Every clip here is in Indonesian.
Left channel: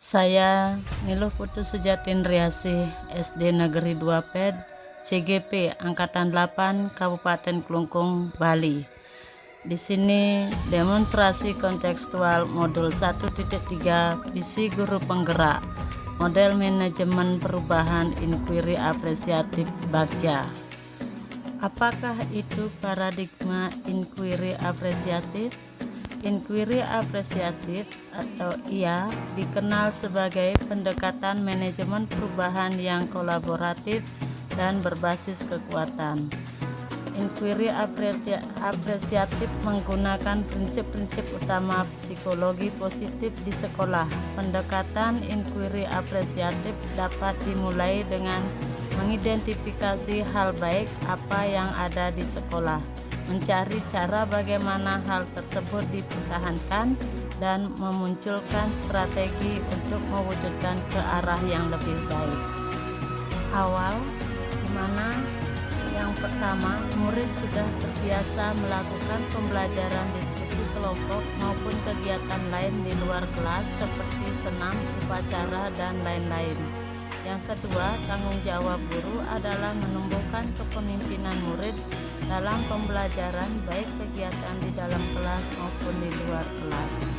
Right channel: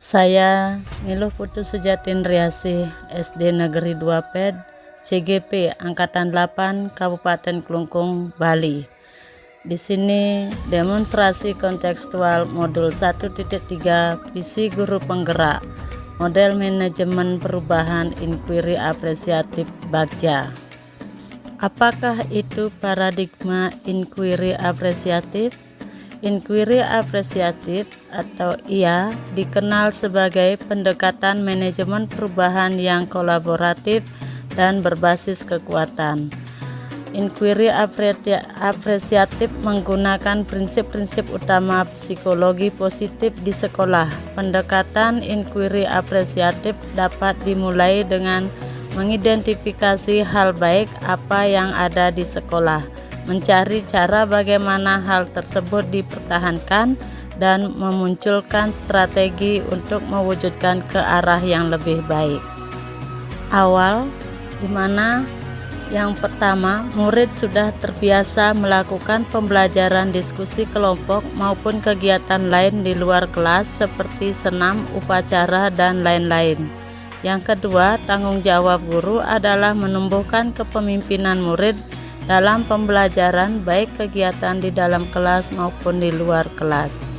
Saya Niluh Putu Sujatindriasih, SD Negeri 2 PED, CGP Angkatan 8, Kabupaten Klungkung, Bali. Di sini demonstrasi kontekstual modul 1.3 visi guru penggerak, model manajemen perubahan inquiry apresiatif Bagja. Apakah itu paradigma inquiry apresiatif? Inquiry apresiatif atau IA dikenal sebagai pendekatan manajemen perubahan yang kolaboratif dan berbasis kekuatan. Inquiry apresiatif menggunakan prinsip-prinsip utama psikologi positif di sekolah. Pendekatan inquiry apresiatif dapat dimulai dengan mengidentifikasi hal baik apa yang ada di sekolah, mencari cara bagaimana hal tersebut dipertahankan, dan memunculkan strategi untuk mewujudkan ke arah yang lebih baik. Awal, di mana yang pertama, murid sudah terbiasa melakukan pembelajaran diskusi kelompok maupun kegiatan lain di luar kelas seperti senam, upacara, dan lain-lain. Yang kedua, tanggung jawab guru adalah menumbuhkan kepemimpinan murid dalam pembelajaran, baik kegiatan di dalam kelas maupun di luar kelas.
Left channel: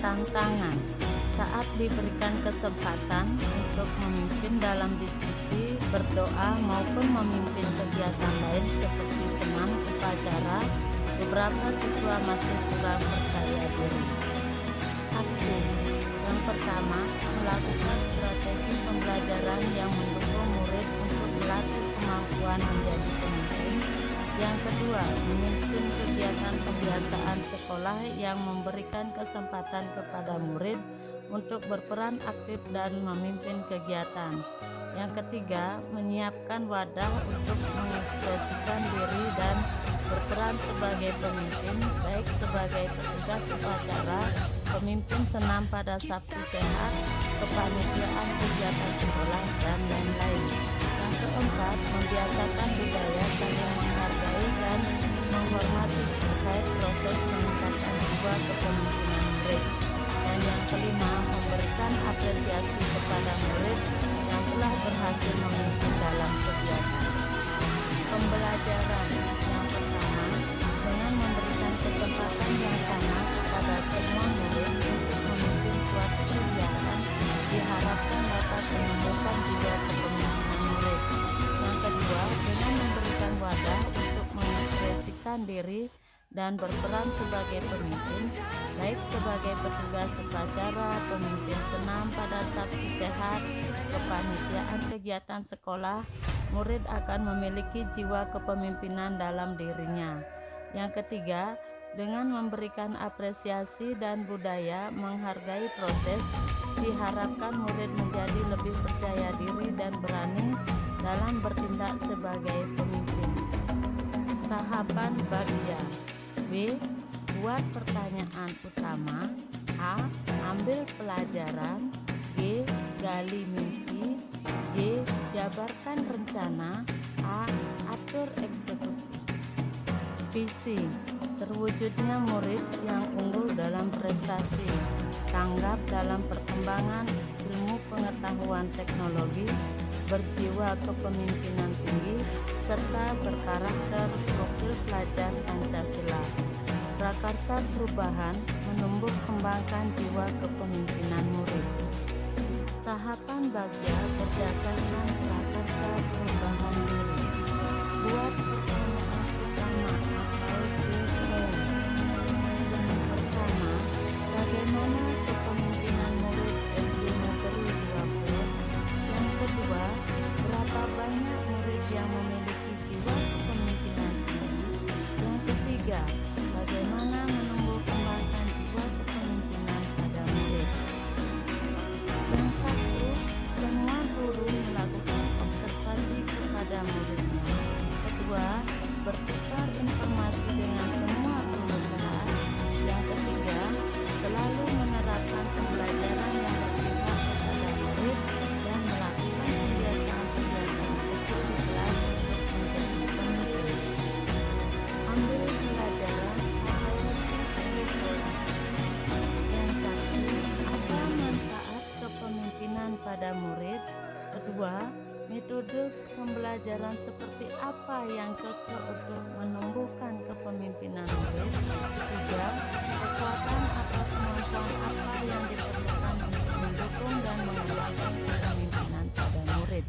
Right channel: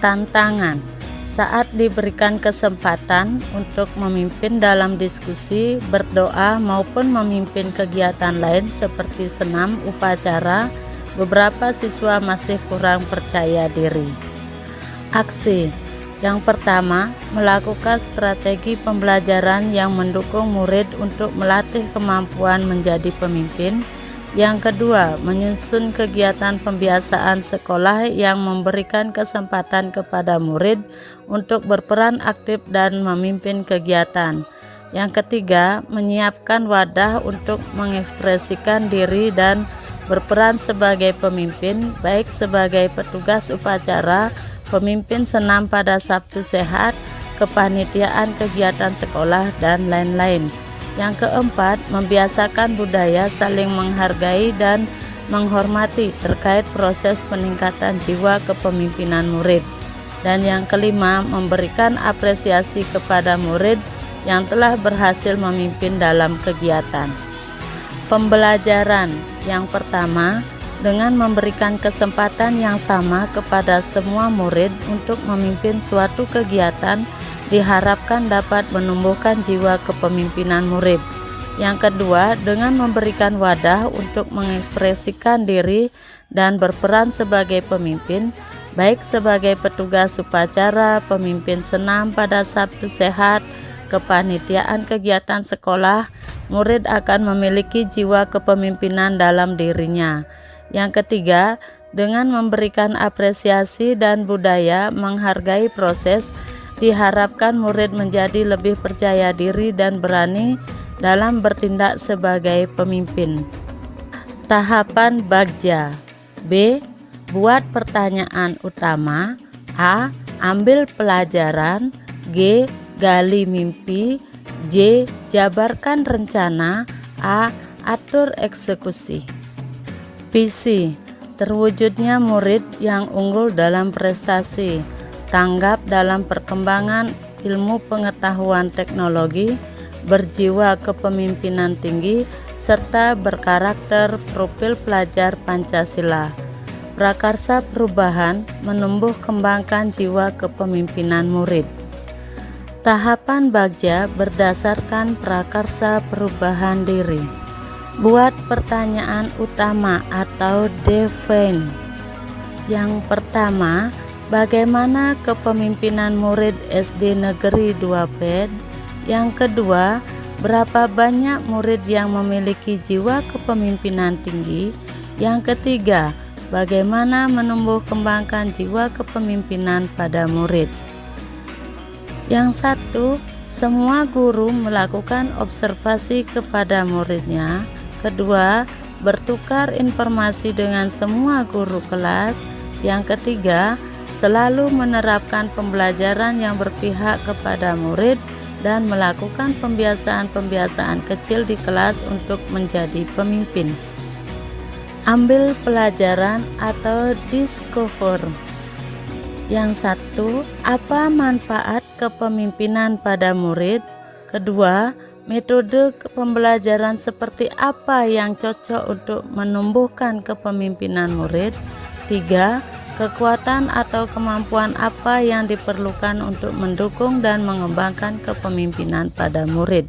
Tantangan: saat diberikan kesempatan untuk memimpin dalam diskusi, berdoa, maupun memimpin kegiatan lain seperti senam, upacara, beberapa siswa masih kurang percaya diri. Aksi: yang pertama, melakukan strategi pembelajaran yang mendukung murid untuk melatih kemampuan menjadi pemimpin. Yang kedua, menyusun kegiatan pembiasaan sekolah yang memberikan kesempatan kepada murid untuk berperan aktif dan memimpin kegiatan. Yang ketiga, menyiapkan wadah untuk mengekspresikan diri dan berperan sebagai pemimpin, baik sebagai petugas upacara, pemimpin senam pada Sabtu Sehat, kepanitiaan kegiatan sekolah, dan lain-lain. Yang keempat, membiasakan budaya saling menghargai dan menghormati terkait proses peningkatan jiwa kepemimpinan murid. Dan yang kelima, memberikan apresiasi kepada murid yang telah berhasil memimpin dalam kegiatan. Pembelajaran yang pertama, dengan memberikan kesempatan yang sama kepada semua murid untuk memimpin suatu kegiatan, diharapkan dapat menumbuhkan jiwa kepemimpinan murid. Yang kedua, dengan memberikan wadah untuk mengekspresikan diri dan berperan sebagai pemimpin, baik sebagai petugas upacara, pemimpin senam pada Sabtu Sehat, kepanitiaan kegiatan sekolah, murid akan memiliki jiwa kepemimpinan dalam dirinya. Yang ketiga, dengan memberikan apresiasi dan budaya menghargai proses, diharapkan murid menjadi lebih percaya diri dan berani dalam bertindak sebagai pemimpin. Tahapan Bagja. B. Buat pertanyaan utama. A. Ambil pelajaran. G. Gali mimpi. J. Jabarkan rencana. A. Atur eksekusi. Visi: terwujudnya murid yang unggul dalam prestasi, tanggap dalam perkembangan ilmu pengetahuan teknologi, berjiwa kepemimpinan tinggi, serta berkarakter profil pelajar Pancasila. Prakarsa perubahan: menumbuh kembangkan jiwa kepemimpinan murid. Tahapan Bagja berdasarkan prakarsa perubahan diri. Buat pertanyaan utama atau define. Yang pertama, bagaimana kepemimpinan murid SD Negeri 2 PED? Yang kedua, berapa banyak murid yang memiliki jiwa kepemimpinan tinggi? Yang ketiga, bagaimana menumbuh kembangkan jiwa kepemimpinan pada murid? Yang satu, semua guru melakukan observasi kepada muridnya. Kedua, bertukar informasi dengan semua guru kelas. Yang ketiga, selalu menerapkan pembelajaran yang berpihak kepada murid dan melakukan pembiasaan-pembiasaan kecil di kelas untuk menjadi pemimpin. Ambil pelajaran atau discover. Yang satu, apa manfaat kepemimpinan pada murid? Kedua, metode pembelajaran seperti apa yang cocok untuk menumbuhkan kepemimpinan murid? Tiga, kekuatan atau kemampuan apa yang diperlukan untuk mendukung dan mengembangkan kepemimpinan pada murid?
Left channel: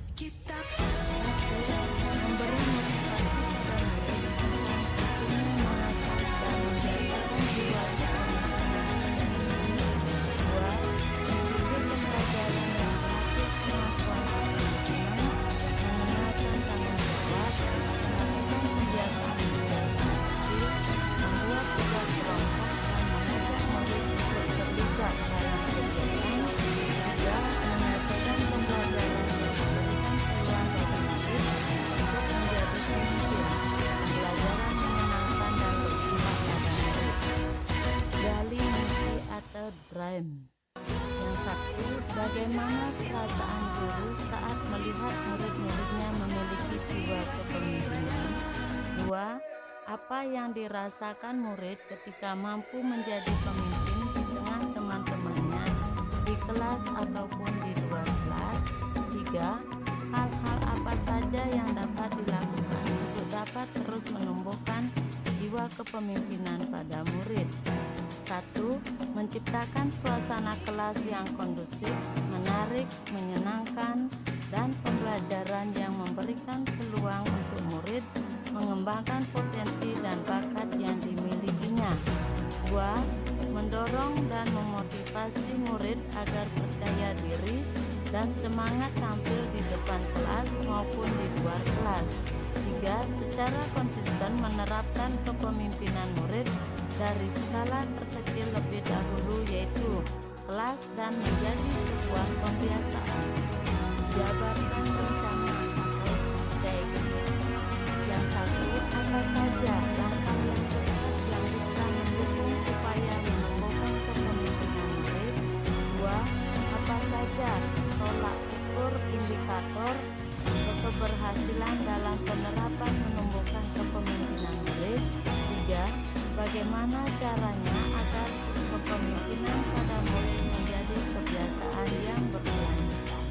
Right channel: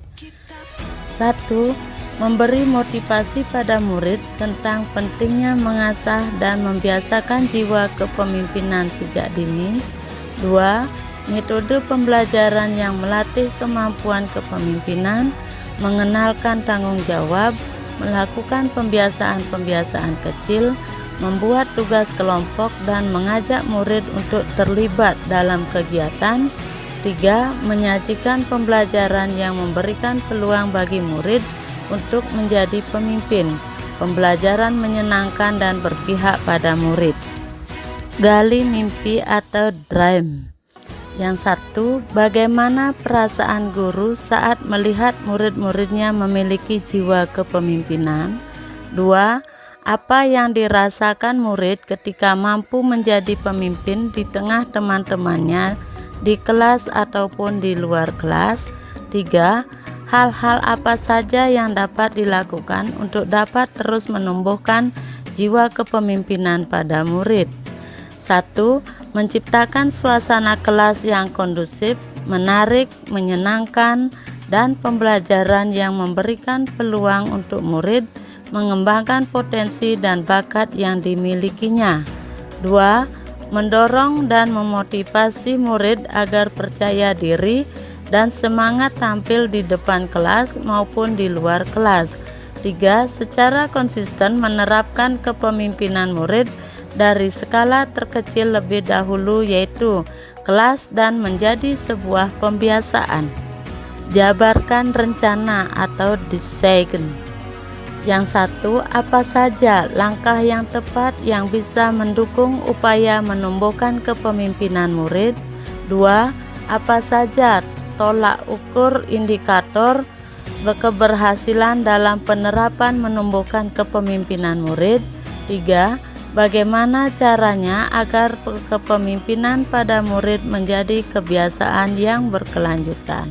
Satu, memberi motivasi pada murid tentang pentingnya mengasah dan membiasakan jiwa kepemimpinan sejak dini. Dua, metode pembelajaran yang melatih kemampuan kepemimpinan, mengenalkan tanggung jawab, melakukan pembiasaan-pembiasaan kecil, membuat tugas kelompok dan mengajak murid untuk terlibat dalam kegiatan. Tiga, menyajikan pembelajaran yang memberikan peluang bagi murid untuk menjadi pemimpin, pembelajaran menyenangkan dan berpihak pada murid. Gali mimpi atau dream. Yang satu, bagaimana perasaan guru saat melihat murid-muridnya memiliki jiwa kepemimpinan? Dua, apa yang dirasakan murid ketika mampu menjadi pemimpin di tengah teman-temannya di kelas ataupun di luar kelas? Tiga, hal-hal apa saja yang dapat dilakukan untuk dapat terus menumbuhkan jiwa kepemimpinan pada murid? Satu, menciptakan suasana kelas yang kondusif, menarik, menyenangkan, dan pembelajaran yang memberikan peluang untuk murid mengembangkan potensi dan bakat yang dimilikinya. Dua, mendorong dan memotivasi murid agar percaya diri dan semangat tampil di depan kelas maupun di luar kelas. Tiga, secara konsisten menerapkan kepemimpinan murid dari skala terkecil lebih dahulu, yaitu kelas, dan menjadi sebuah pembiasaan. Jabarkan rencana atau desain. Yang satu, apa saja langkah yang tepat yang bisa mendukung upaya menumbuhkan kepemimpinan murid? Dua, apa saja tolak ukur indikator keberhasilan dalam penerapan menumbuhkan kepemimpinan murid? Tiga, bagaimana caranya agar kepemimpinan pada murid menjadi kebiasaan yang berkelanjutan?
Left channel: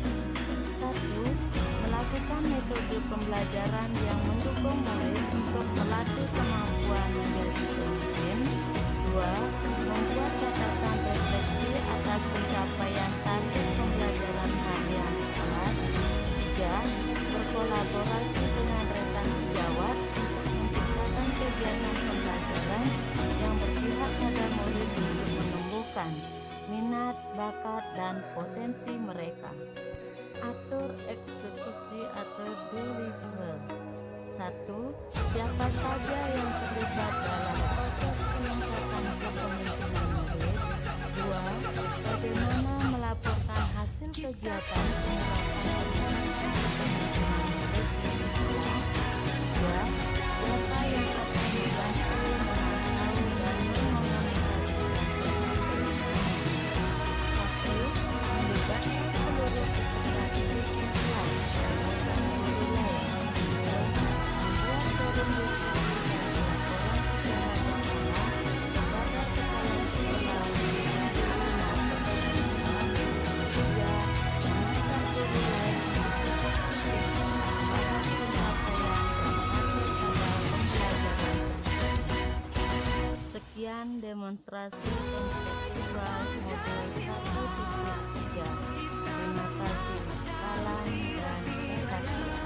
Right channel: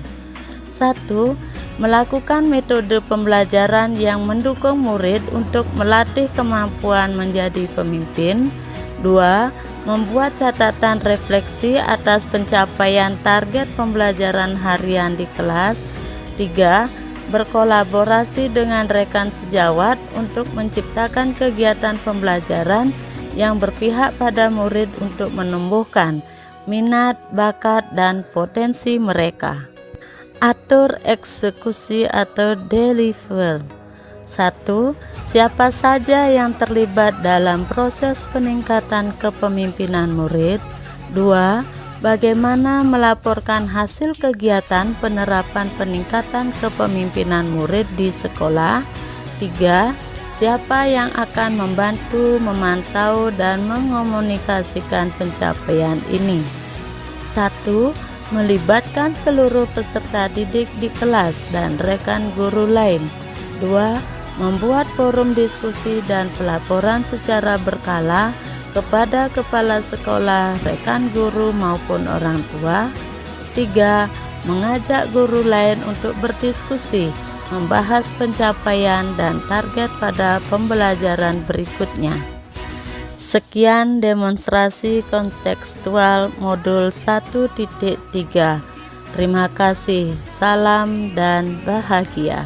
Satu, melakukan metode pembelajaran yang mendukung murid untuk melatih kemampuan menjadi pemimpin. Dua, membuat catatan refleksi atas pencapaian target pembelajaran harian di kelas. Tiga, berkolaborasi dengan rekan sejawat untuk menciptakan kegiatan pembelajaran yang berpihak pada murid untuk menumbuhkan minat, bakat, dan potensi mereka. Atur eksekusi atau deliver. Satu, siapa saja yang terlibat dalam proses peningkatan kepemimpinan murid? Dua, bagaimana melaporkan hasil kegiatan penerapan peningkatan kepemimpinan murid di sekolah? Tiga, siapa yang akan membantu, memantau, dan mengomunikasikan pencapaian ini? Satu, melibatkan seluruh peserta didik di kelas dan rekan guru lain. Dua, membuat forum diskusi dan pelaporan secara berkala kepada kepala sekolah, rekan guru maupun orang tua. Tiga, mengajak guru lain untuk berdiskusi, membahas pencapaian dan target pada pembelajaran berikutnya. Sekian demonstrasi kontekstual modul 1.3. Terima kasih, salam dan bahagia.